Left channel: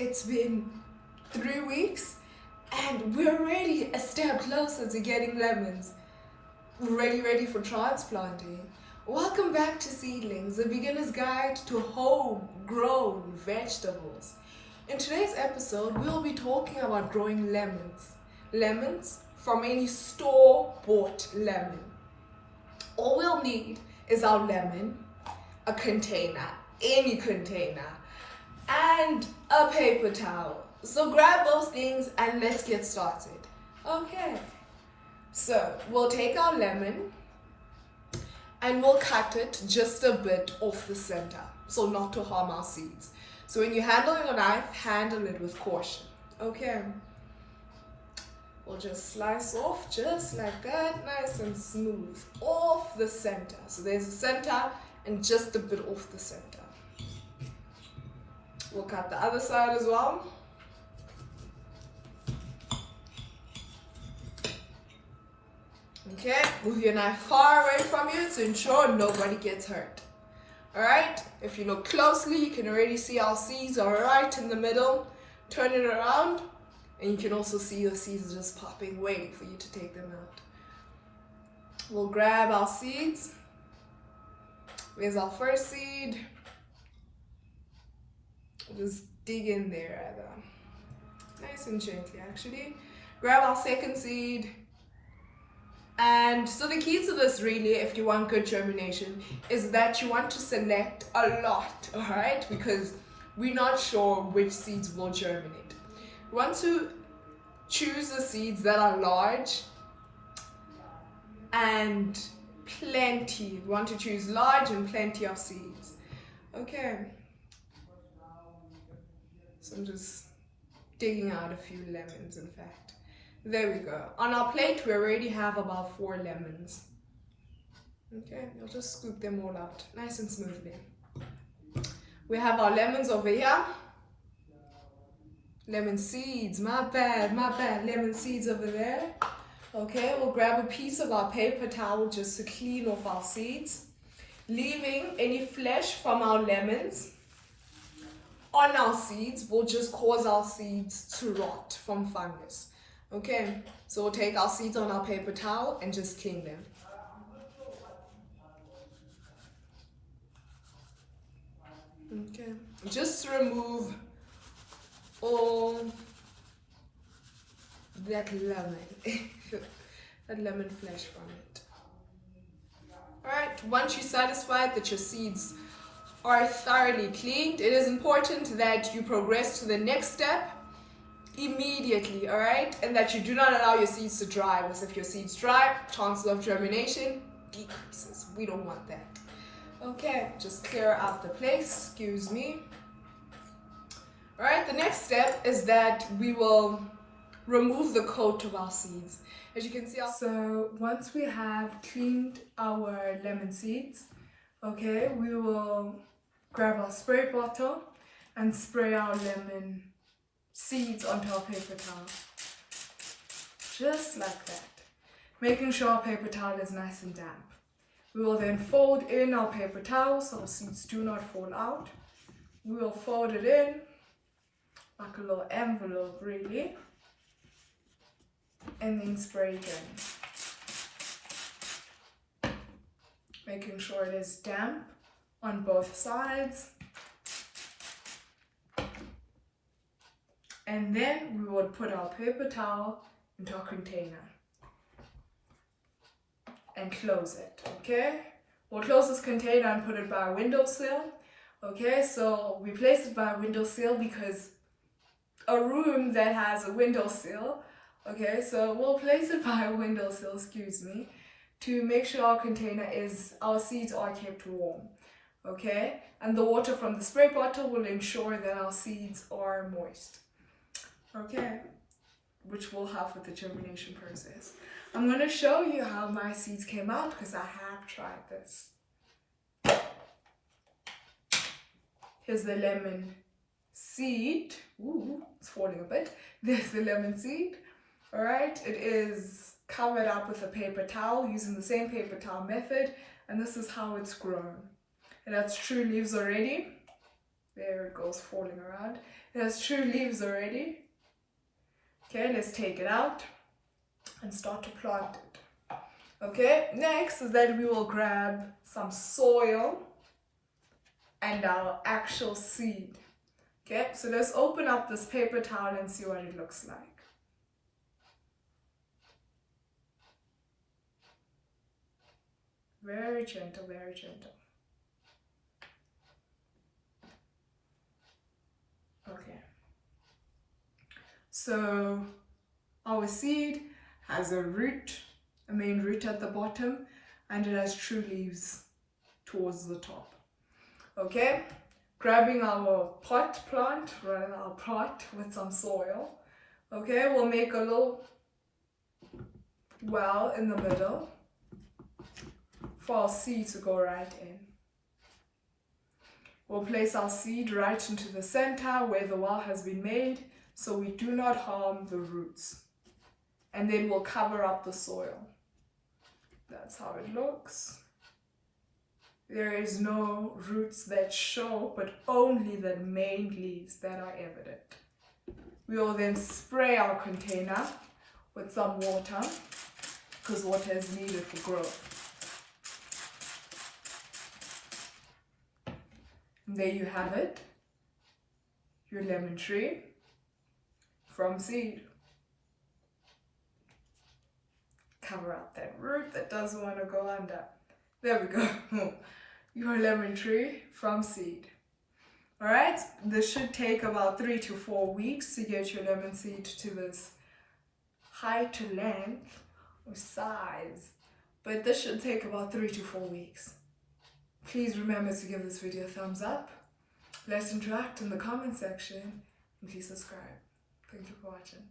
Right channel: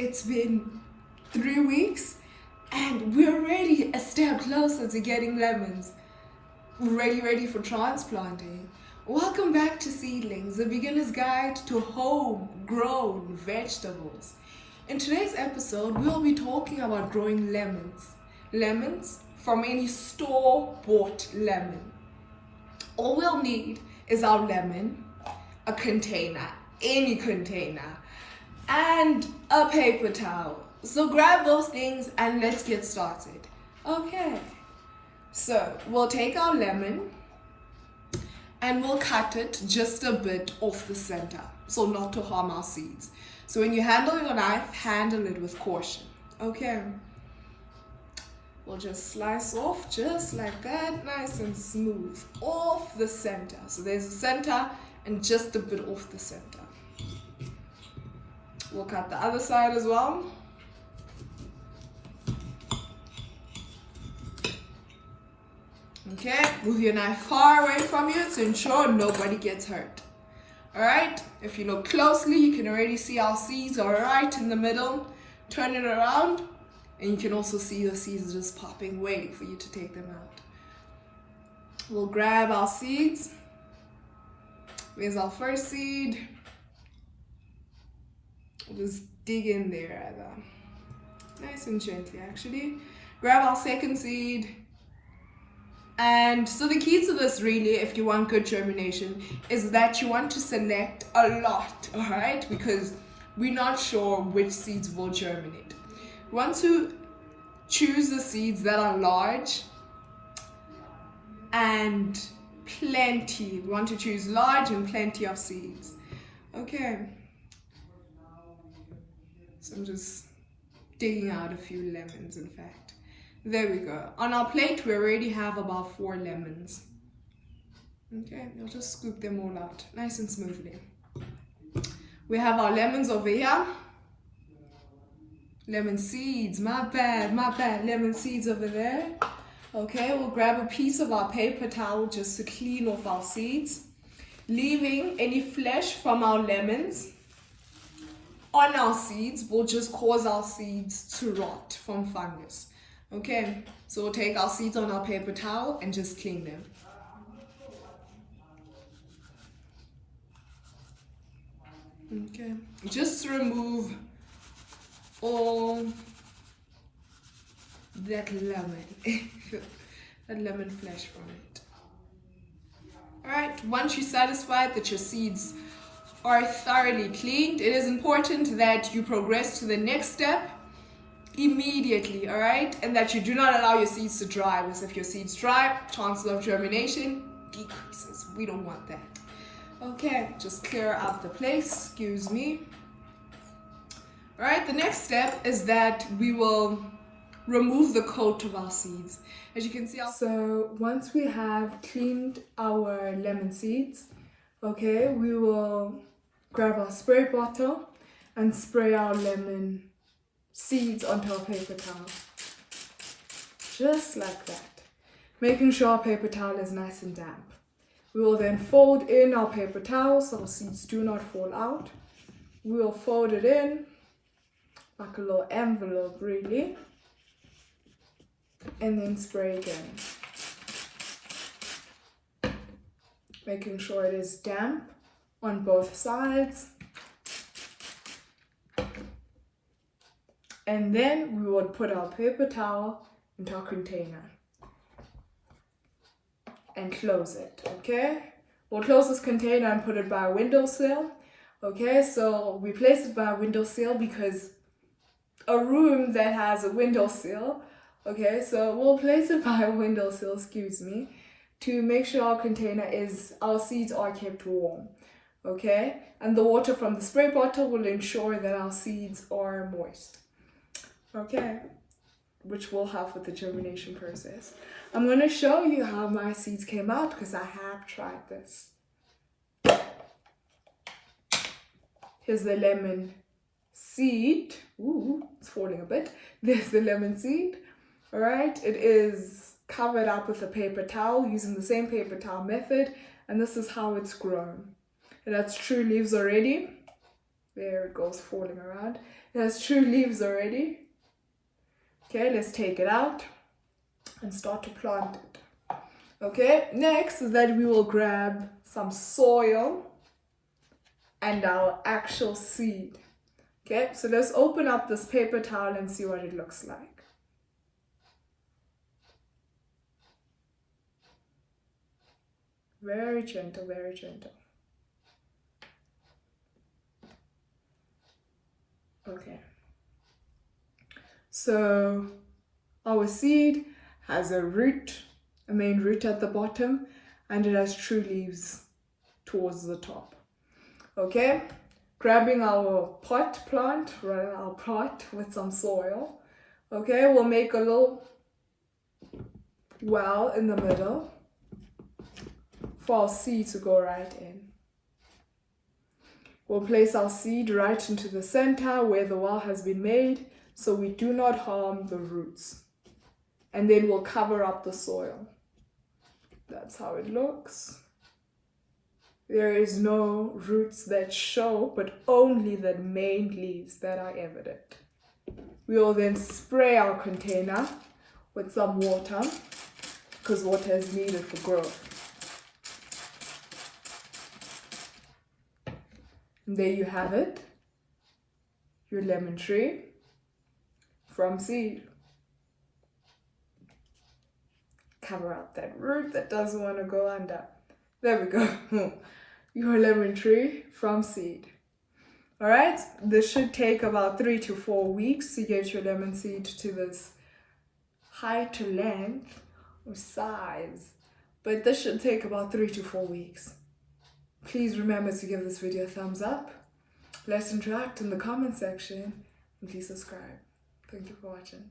It's been 3 weeks and we're already a step closer to getting lemons. We're ready for transplanting. Welcome back to Seedlings, a beginner's guide to home-grown vegetables. In today's episode, we'll be talking about growing lemons. Lemons from any store-bought lemon. All we'll need is our lemon, a container, any container, and a paper towel. So grab those things and let's get started. Okay, so we'll take our lemon and we'll cut it just a bit off the center, so not to harm our seeds. So when you handle your knife, handle it with caution. Okay, we'll just slice off just like that, nice and smooth, off the center. So there's a center and just a bit off the center. We'll cut the other side as well. Okay, move your knife far away from you to ensure nobody gets hurt. Alright, if you look closely, you can already see our seeds are right in the middle. Turn it around, and you can also see the seeds just popping, waiting for you to take them out. We'll grab our seeds. There's our first seed. Just dig in there rather. Nice and gently actually. Grab our second seed. And so the key to this really, if you want good germination, is that you want to select a lot, alright? Because we're not sure which seeds will germinate. You want to choose the seeds that are large and plenty. We want to choose large and plenty of seeds. Okay. So I'm just digging out a few lemons, in fact. There we go. On our plate, we already have about 4 lemons. Okay, I'll just scoop them all out, nice and smoothly. We have our lemons over here. Lemon seeds, my bad, lemon seeds over there. Okay, we'll grab a piece of our paper towel just to clean off our seeds, leaving any flesh from our lemons on our seeds will just cause our seeds to rot from fungus. Okay, so we'll take our seeds on our paper towel and just clean them. Okay, just to remove all that lemon, that lemon flesh from it. Alright, once you're satisfied that your seeds are thoroughly cleaned, it is important that you progress to the next step immediately, alright? And that you do not allow your seeds to dry, because if your seeds dry, chances of germination decreases. We don't want that. Okay, just clear out the place, excuse me. Alright, the next step is that we will remove the coat of our seeds. As you can see, so once we have cleaned our lemon seeds, okay, we will grab our spray bottle and spray our lemon seeds onto our paper towel. Just like that. Making sure our paper towel is nice and damp. We will then fold in our paper towel so our seeds do not fall out. We will fold it in like a little envelope really. And then spray again. Making sure it is damp on both sides. And then we will put our paper towel into our container and close it, okay? We'll close this container and put it by a windowsill, okay? So we place it by a windowsill because a room that has a windowsill, okay? So we'll place it by a windowsill, excuse me, to make sure our seeds are kept warm, okay? And the water from the spray bottle will ensure that our seeds are moist, okay? Which will help with the germination process. I'm going to show you how my seeds came out because I have tried this. Here's the lemon seed. Ooh, it's falling a bit. There's the lemon seed. All right, it is covered up with a paper towel using the same paper towel method, and this is how it's grown. It has true leaves already. There it goes, falling around. It has true leaves already. Okay, let's take it out and start to plant it. Okay, next is that we will grab some soil and our actual seed. Okay, so let's open up this paper towel and see what it looks like. Very gentle, very gentle. Okay. So our seed has a root, a main root at the bottom, and it has true leaves towards the top. Okay, grabbing our pot plant, rather our pot with some soil. Okay, we'll make a little well in the middle for our seed to go right in. We'll place our seed right into the center where the well has been made, so we do not harm the roots. And then we'll cover up the soil. That's how it looks. There is no roots that show, but only the main leaves that are evident. We will then spray our container with some water, because water is needed for growth. And there you have it, your lemon tree from seed. Cover up that root that doesn't want to go under. There we go. Your lemon tree from seed. All right, this should take about 3 to 4 weeks to get your lemon seed to this height to length or size, but this should take about 3 to 4 weeks. Please remember to give this video a thumbs up. Let's interact in the comment section, and please subscribe. Thank you for watching.